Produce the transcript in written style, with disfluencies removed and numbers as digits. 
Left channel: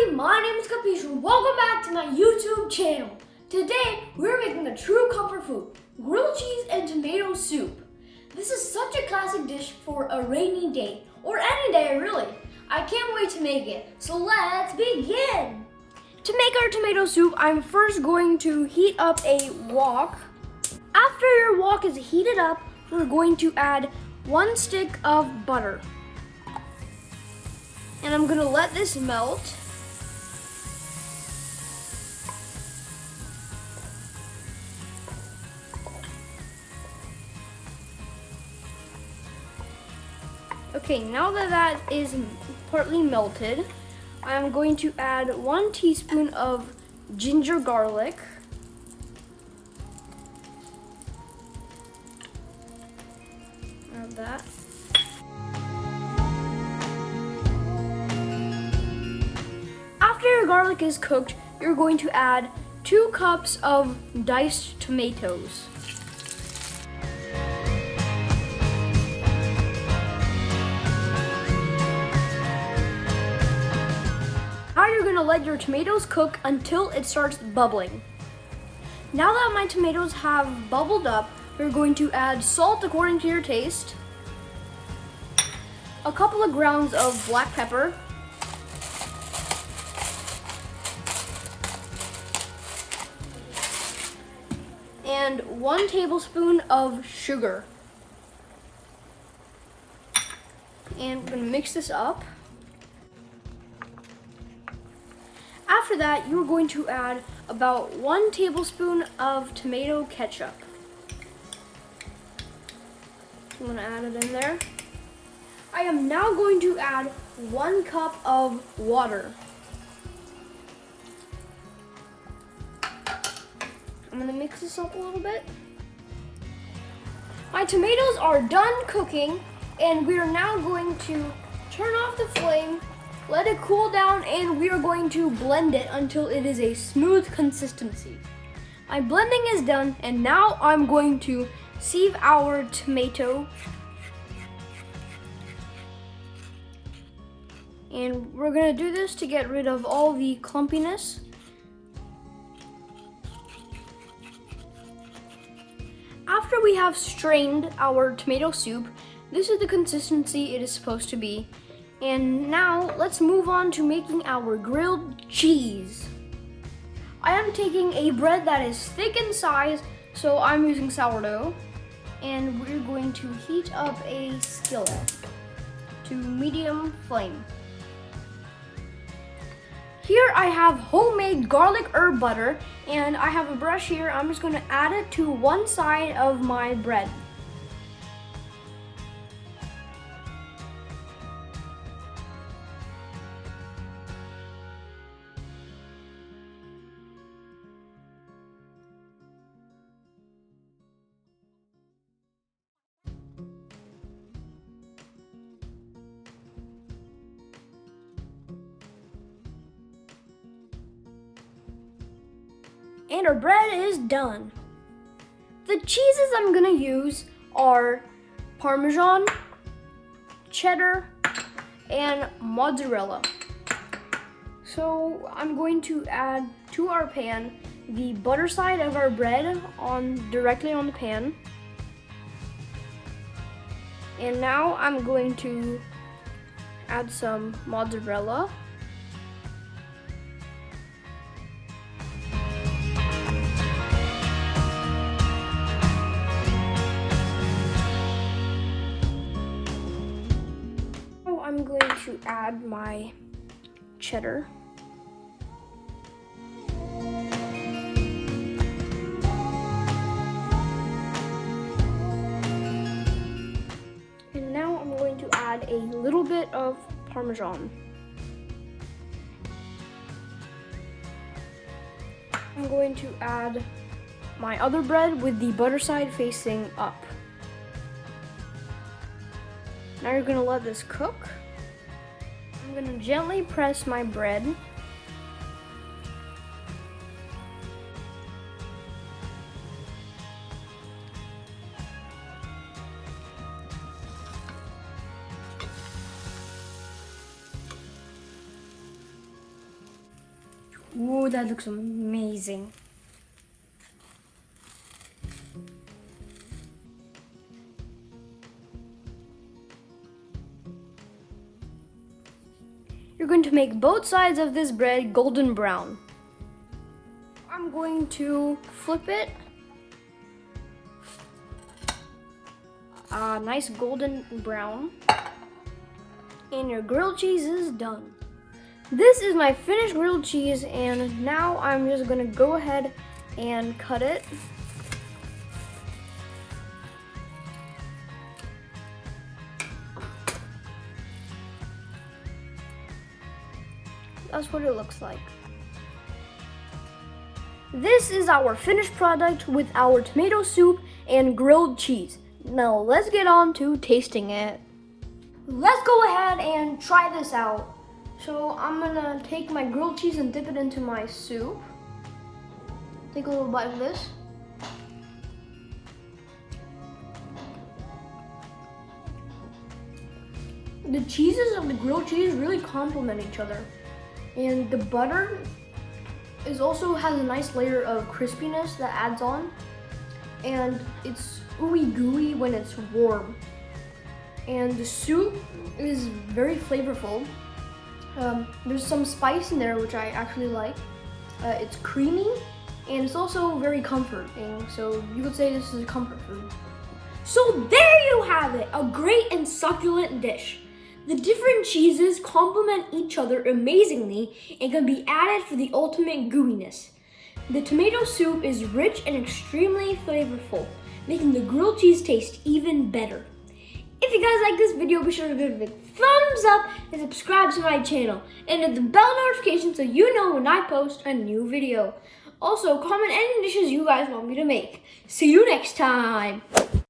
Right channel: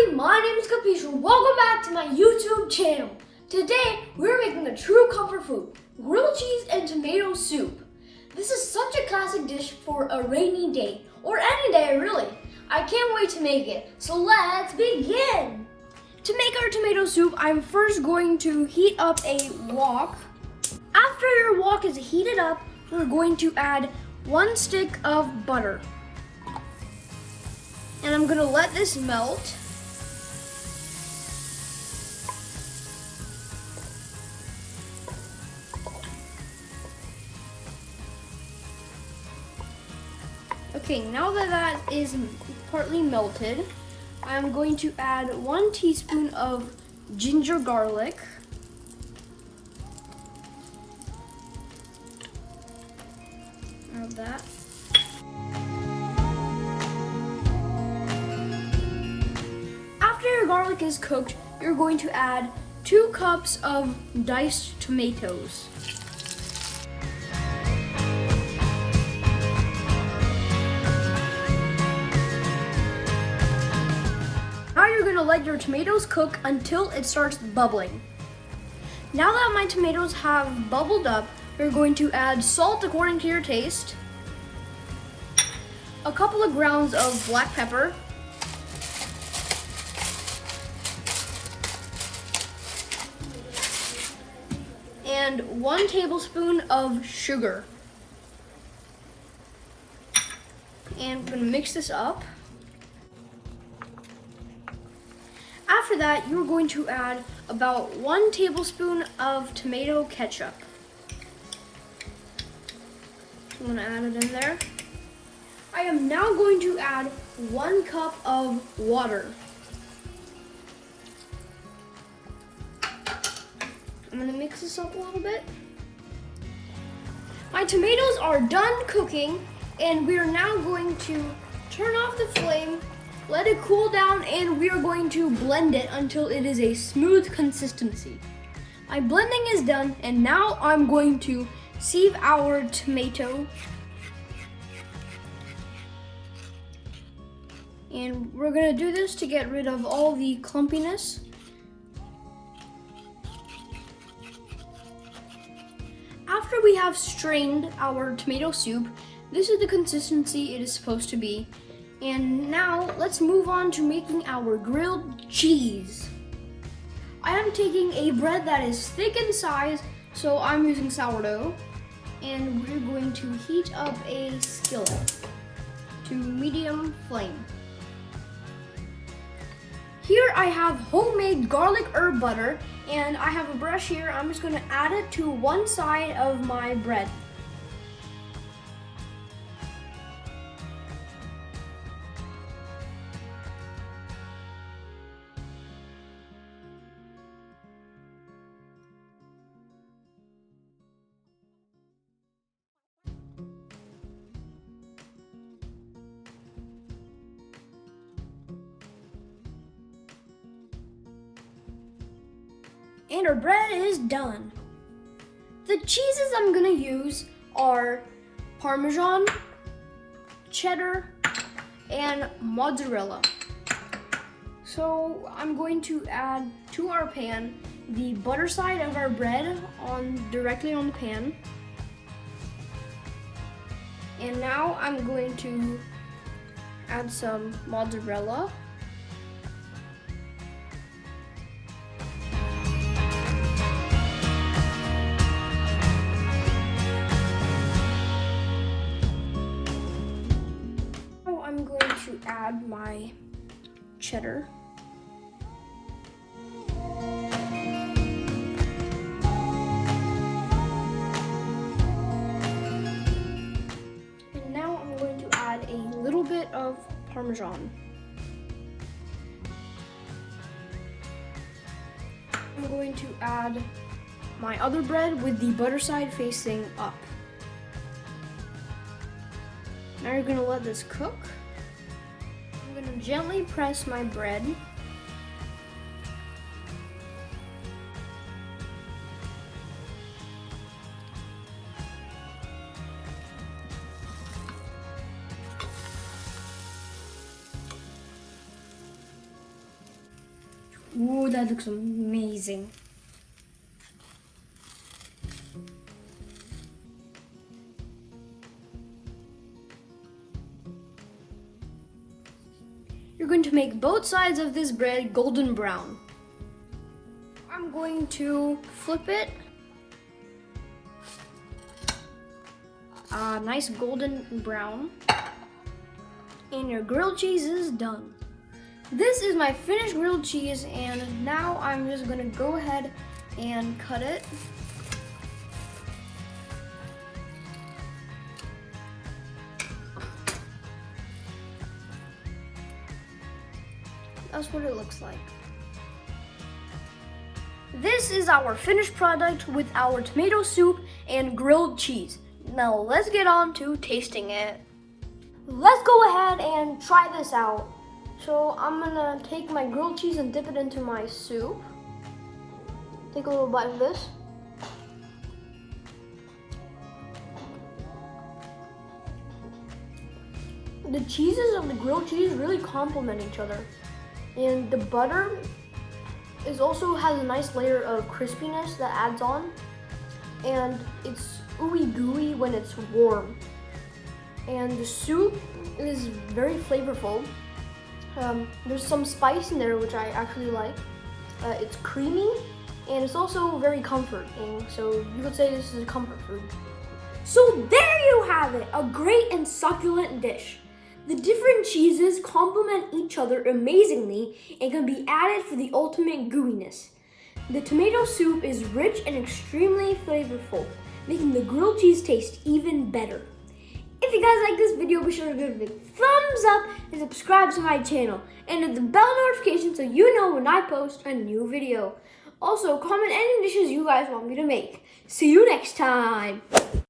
everybody, my name is Capiche. Welcome back to my YouTube channel. Today, we're making a true comfort food, grilled cheese and tomato soup. This is such a classic dish for a rainy day, or any day really. I can't wait to make it, so let's begin. To make our tomato soup, I'm first going to heat up a wok. After your wok is heated up, we're going to add 1 stick of butter. And I'm gonna let this melt. Okay, now that is partly melted, I'm going to add 1 teaspoon of ginger garlic. Add that. After your garlic is cooked, you're going to add 2 cups of diced tomatoes. Now you're going to let your tomatoes cook until it starts bubbling. Now that my tomatoes have bubbled up, you're going to add salt according to your taste, a couple of grounds of black pepper, and 1 tablespoon of sugar. And I'm going to mix this up. After that, you're going to add about 1 tablespoon of tomato ketchup. I'm going to add it in there. I am now going to add 1 cup of water. I'm going to mix this up a little bit. My tomatoes are done cooking, and we are now going to turn off the flame, let it cool down, and we are going to blend it until it is a smooth consistency. My blending is done, and now I'm going to sieve our tomato. And we're going to do this to get rid of all the clumpiness. After we have strained our tomato soup, this is the consistency it is supposed to be. And now let's move on to making our grilled cheese. I am taking a bread that is thick in size, so I'm using sourdough. And we're going to heat up a skillet to medium flame. Here I have homemade garlic herb butter, and I have a brush here. I'm just going to add it to one side of my bread. And our bread is done. The cheeses I'm gonna use are Parmesan, cheddar, and mozzarella. So I'm going to add to our pan the butter side of our bread directly on the pan. And now I'm going to add some mozzarella. I'm going to add my cheddar. And now I'm going to add a little bit of Parmesan. I'm going to add my other bread with the butter side facing up. Now we're going to let this cook. I'm going to gently press my bread. Ooh, that looks amazing. You're going to make both sides of this bread golden brown. I'm going to flip it. Nice golden brown. And your grilled cheese is done. This is my finished grilled cheese, and now I'm just gonna go ahead and cut it. That's what it looks like. This is our finished product with our tomato soup and grilled cheese. Now let's get on to tasting it. Let's go ahead and try this out. So I'm gonna take my grilled cheese and dip it into my soup. Take a little bite of this. The cheeses of the grilled cheese really complement each other. And the butter also has a nice layer of crispiness that adds on. And it's ooey gooey when it's warm. And the soup is very flavorful. There's some spice in there which I actually like. It's creamy and it's also very comforting. So you could say this is a comfort food. So there you have it, a great and succulent dish. The different cheeses complement each other amazingly and can be added for the ultimate gooiness. The tomato soup is rich and extremely flavorful, making the grilled cheese taste even better. If you guys like this video, be sure to give it a thumbs up and subscribe to my channel. And hit the bell notification so you know when I post a new video. Also, comment any dishes you guys want me to make. See you next time.